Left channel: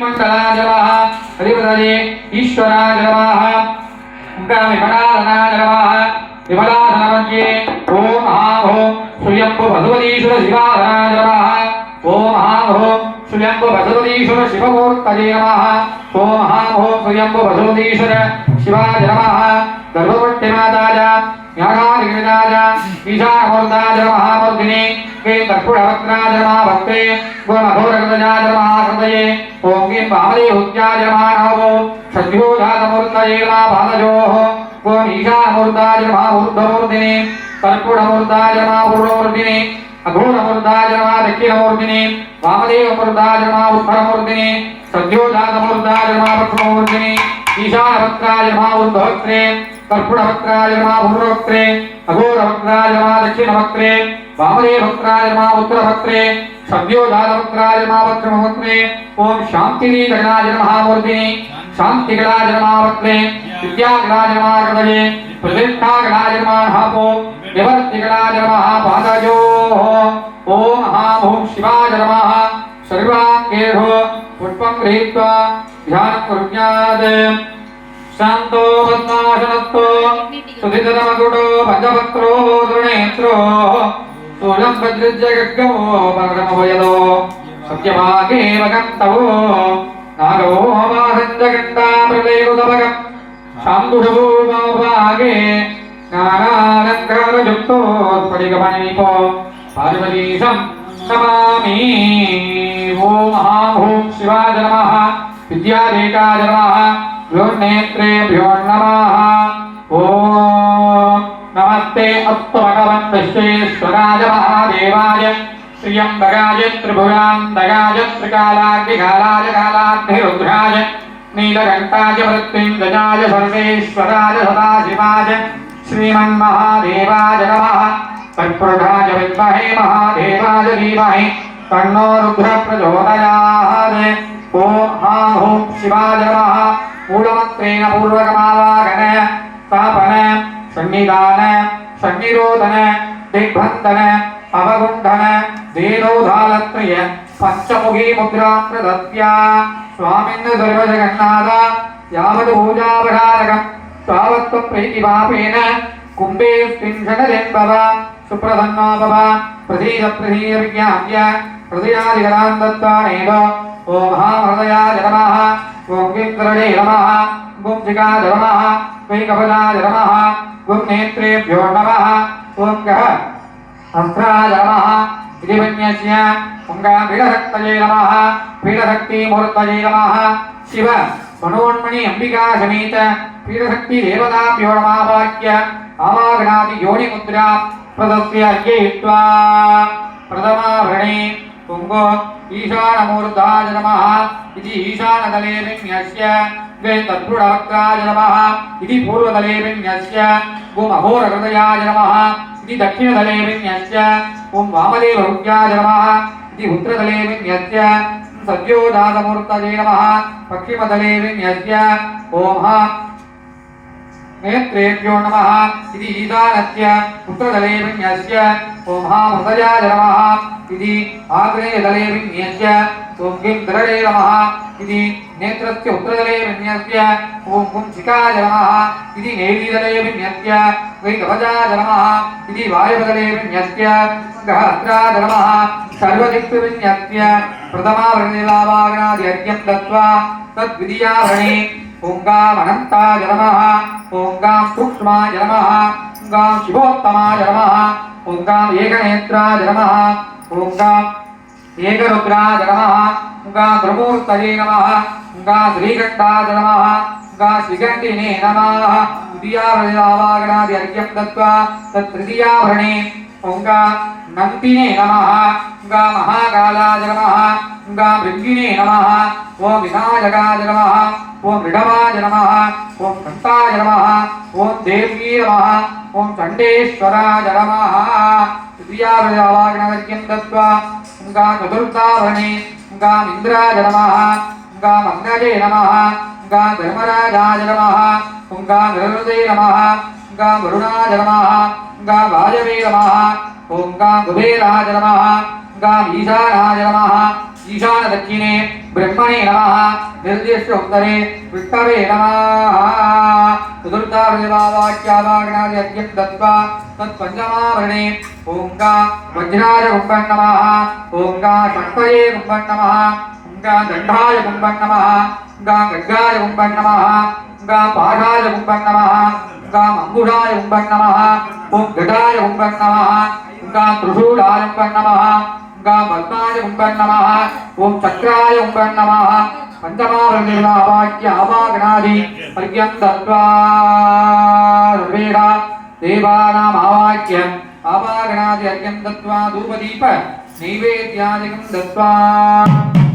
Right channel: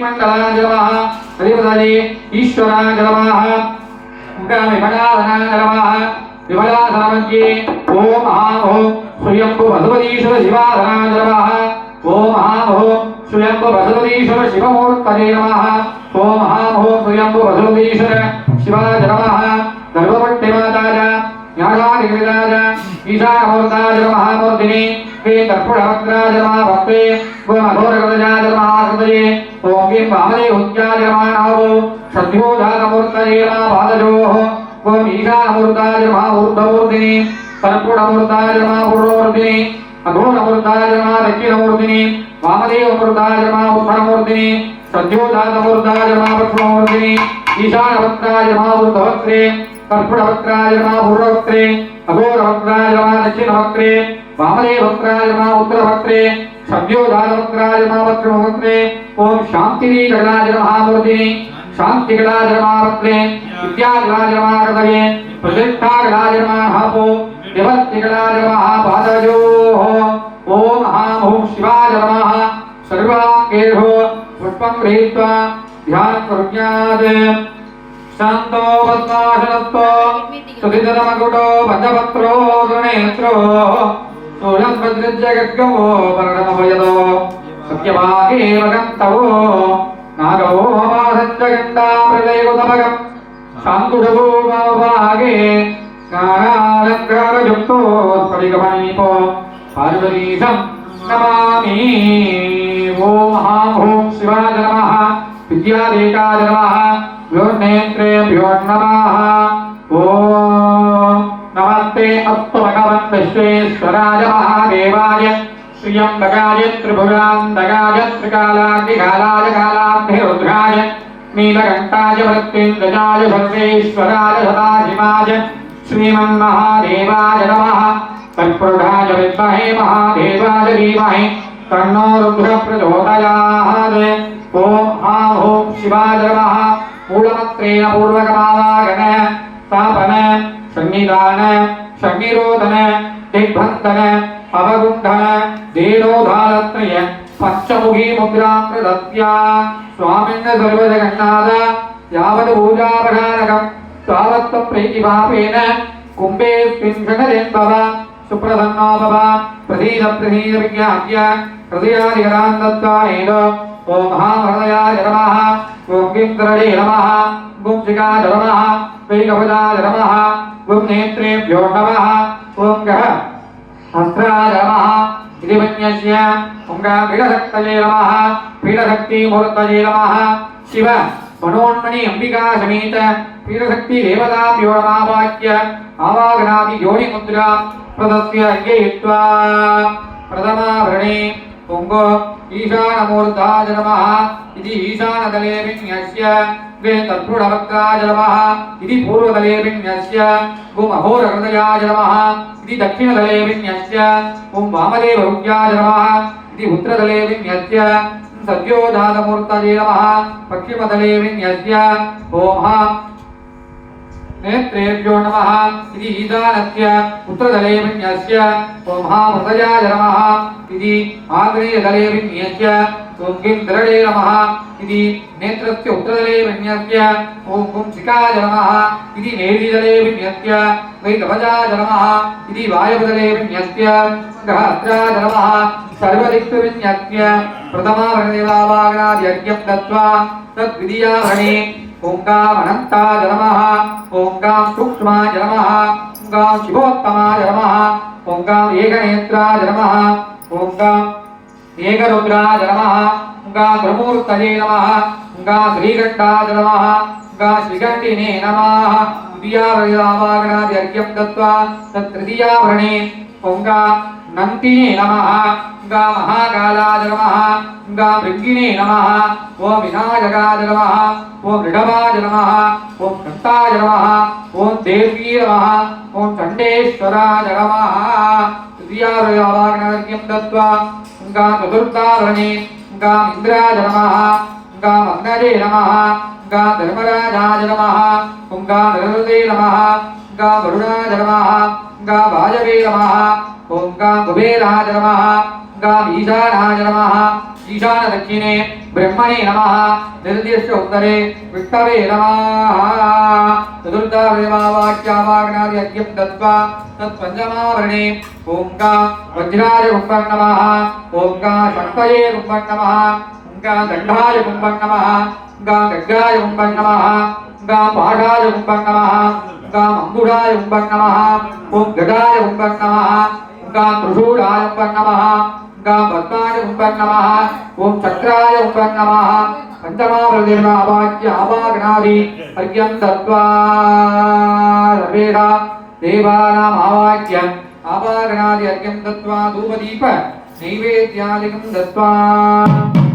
मंगलाय नमः अधिपतये ईश्वराय नमः विमलाधनाय नमः विमलाधनमध्ये ओम महाभो स्वयंभु भगवतीश्वर शिवाधनाय नमः ओम महाभो स्वयंभु भगवतीश्वर शिवमूर्तये नमः ओम महाभो स्वयंभु भगवतीश्वर शिवाय नमः गर्भवत्यमाताय ज्ञानादिविदाय ईशानमूर्ताय नमः मूर्तिने वे कर्पूरवक्त्राय नमः भक्ते गोमघोरगजाय नमः हृदये ओम गीं वामदेवत्याय नमः नमो सद्योजातमूर्तये नमः पादयोः ओम ईशानमूर्ताय नमः ऊर्ध्वमूर्तिने कर्पूरमूर्ताय नमः पूर्वमूर्तिने अघोरमूर्ताय नमः दक्षिणमूर्तिने वामदेवमूर्ताय नमः उत्तरमूर्तिने सद्योजातमूर्ताय नमः पश्चिममूर्तिने ईशानवक्त्राय नमः ऊर्ध्ववक्त्रे कर्पूरवक्त्राय नमः पूर्ववक्त्रे अघोरवक्त्राय नमः दक्षिणवक्त्रे वामदेववक्त्राय नमः उत्तरवक्त्रे सद्योजातवक्त्राय नमः पश्चिमवक्त्रे ओम शांतिगणाय नमः मूर्तिने शांतिगणाय नमः वक्त्रे विद्यागणाय नमः हृदये प्रतिष्ठागणाय नमः हापो निवर्तिगणाय नमः पादयोः ओम महाभूः शिवाय नमः सर्वाङ्गेषु पुष्पं गृहीत्वा ध्यानं कुर्यात् शांतो वत्नाशनस्तो सुधिधरमकुटो पंचवक्त्रो दुर्नेत्रो स्थूलं वज्रज्य गद्गमो परमभयदो सत्यभागे वगन्तवो नागो हवासञ्च गण्डामृतैकुतभगम् शान्तुषभूभागे नागालङ्कारयुक्तो स्फटिकमणिपो पार्वतीशं नमामि ॐ महाभूः शिवाय नमः विद्यादेकाय नमः योर्नेत्रेभ्यो नमः ओम नमस्ते अस्तु भगवन् विश्वेश्वराय महादेवाय त्र्यम्बकाय त्रिभुजान्तकाय त्रिकालाग्निकालाय कालाग्निरुद्राय नीलकण्ठाय मृत्युञ्जयाय सर्वेश्वराय सदाशिवाय श्रीमन्महादेवाय नमः तत्पुरुषाय विद्महे महादेवाय धीमहि तन्नो रुद्रः प्रचोदयात् ओम महाभूः शिवाय नमः मूलमन्त्रेण पूर्वकमावागन स्थापन सन्निधान सन्निरोधन दिग्बन्धन अवगुण्ठन देनोधालत्रय पंचमुखी मुद्रा प्रदत्या स्वामिन् सर्वजगन्नाथ यावत् पूजापराधकं तावत् प्रीतिभावेन कुम्भे स्त्रिंशनलिम्बव सुप्रसन्नो भव प्रसीद विज्ञाप्य हृदयादिकरां दत्त्वानेन ओम महाहृदयाय नमः ओम गिन्द्रये नमः ओम शिखाय नमः वैकपदाय नमः ओम नेत्रेभ्यो नमः ओम गः हस्त्राय नमः गिरिवन्यस्य ओम गीढशक्तये नमः पीडशक्तिमूर्तये नमः शिव मनोन्मणि अंबिका समेत पीडशक्ति देवताभ्यो नमः वाक्य आवागणादि योनिमुद्रा प्रदस्य अर्घयित्वा प्रथमाभरणे ओंगो ईशानमूर्ताय नमः इति ईशानतले विन्यस्य वे तत्पुरुषवक्त्राय नमः इति पूर्वतले विन्यस्य ओम अघोरहृदयाय नमः इति दक्षिणतले विन्यस्य ओम वामदेवहृद्याय नमः इति उत्तरतले विन्यस्य सद्योजातमूर्तये नमः पश्चिमतले विन्यस्य ओम नेत्रेभ्यो नमः इति ईशानस्य उत्तरतले विन्यस्य ओम महाहृदयाय नमः इति आग्नेयतले विन्यस्य ओम गिन्द्रये नमः इति नेत्रस्य उत्तरतले विन्यस्य ओम कुंसिकाय नमः इति नेत्रितले विन्यस्य वैकवचाय नमः इति वायवतले विन्यस्य गहस्राय नमः सर्वदिक्सु विन्यस्य प्रथमाभरणेवावागणादि अर्घ्यं दत्त्वा तद्वितीयाभरणे ओंगामनन्ताय नमः ओंगां सूक्ष्माय नमः ओंगां शिवोत्तमाय नमः ओंगां एकनेत्राय नमः ओंगां एकरुद्राय नमः ओंगां ध्रुवमूर्तये नमः ओंगां श्रीकण्ठाय नमः ओंगां श्रीकण्ठिने नमः द्वितीयाभरणावागणादि अर्घ्यं दत्त्वा तत्तृतीयाभरणे ओंगां नन्तिने नमः ओंगां महाकालाय नमः ओंगां भृङ्गिने नमः ओम विनायकाय नमः ओम ऋडवाय नमः ओम शन्ताय नमः ओम देवी नमः ओम चण्डेश्वराय नमः तृतीयाभरणावागणादि दत्त्वा ओंगां चतुर्थाभरणे ओंगां इन्द्राय नमः ओंगां अग्नये नमः ओंगां धर्मराजाय नमः ओंगां नरहृदये नमः ओंगां वरुणाय नमः ओंगां वायवे नमः ओंगां कुबेराय नमः ओंगां ईशानाय नमः ईशान दक्षिणे ब्रह्मणे नमः निर्दिष्ट उत्तरे विष्णवे नमः चतुर्थावृवाक्यावागणादि यज्ञं दत्त्वा तत्पञ्चमावरणे ओं गा वज्राय कुम्भं नमः ओं गा शक्तये कुम्भं नमः ओं गा दण्डाय कुम्भं नमः गा गड्गाय कुम्भं नमः गा पाठाय कुम्भं नमः गा मंगुषाय कुम्भं नमः ओं गडाय कुम्भं नमः गा त्रिशूलाय कुम्भं नमः गा पद्माय कुम्भं नमः ओं चक्राय कुम्भं नमः पंचमावृतिर्वाक्य आवागणादि अर्घ्यं दत्त्वा सर्वेषां देवानाम् आवाक्यम् आवागणादि अर्घ्यं दत्त्वा धूपदीप नैवेद्यादिकं दत्त्वा